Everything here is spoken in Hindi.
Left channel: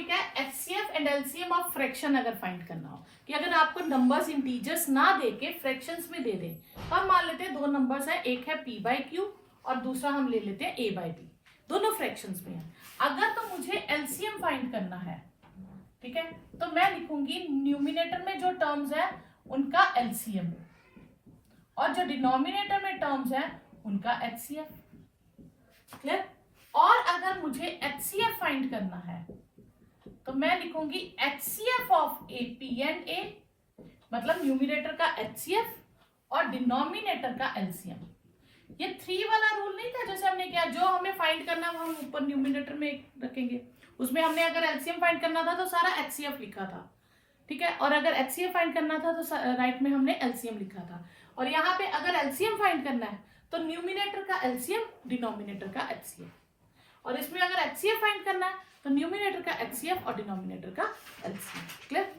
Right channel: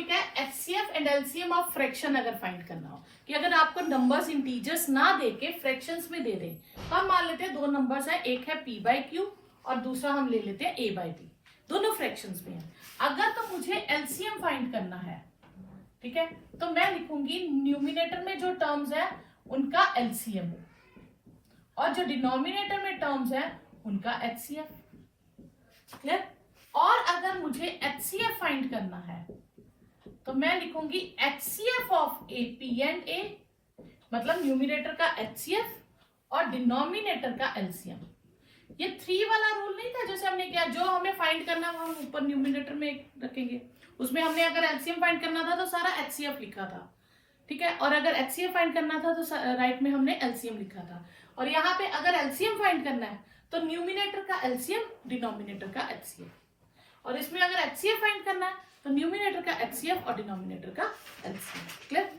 टॉपिक है HCF and LCM of fraction अगर फाइंड करना हो कि अगर आपको नंबर्स इंटीजर्स ना देके फ्रैक्शंस में दे दे, तो हम मान लेते हैं दो नंबर्स है, एक है p बाई क्यू और दूसरा हम ले लेते हैं a बाई बी, दोनों फ्रैक्शंस में है। अगर तो मुझे एलसीएम फाइंड करना है, ठीक है, तो मैं लिखूंगी न्यूमिनेटर में जो टर्म्स है उनका एलसीएम और जो डिनोमिनेटर में टर्म्स है उनका एचसीएफ। क्लियर? और अगर मुझे एचसीएफ फाइंड करना है तो मैं लिखूंगी HCF of A P and A, मतलब न्यूमिनेटर का एचसीएफ और डिनोमिनेटर का एलसीएम। ये 3 वाला रूल नहीं था जैसे हमने किया, जो हमें फाइंड करना वो हम ऊपर न्यूमिनेटर में एक रखेंगे, उसमें हमने अगर एलसीएम फाइंड करना था तो सारा एचसीएफ लिखा था, ठीक है, और अगर एचसीएफ फाइंड करना था तो राइट में हमने एलसीएम लिखा था। और यहाँ पे अगर एलसीएम फाइंड करना है तो न्यूमिनेटर का एलसीएम, डिनोमिनेटर का एचसीएफ, और इसमें अगर एचसीएफ फाइंड करना है तो न्यूमिनेटर का एचसीएफ और डिनोमिनेटर का एलसीएम। क्लियर?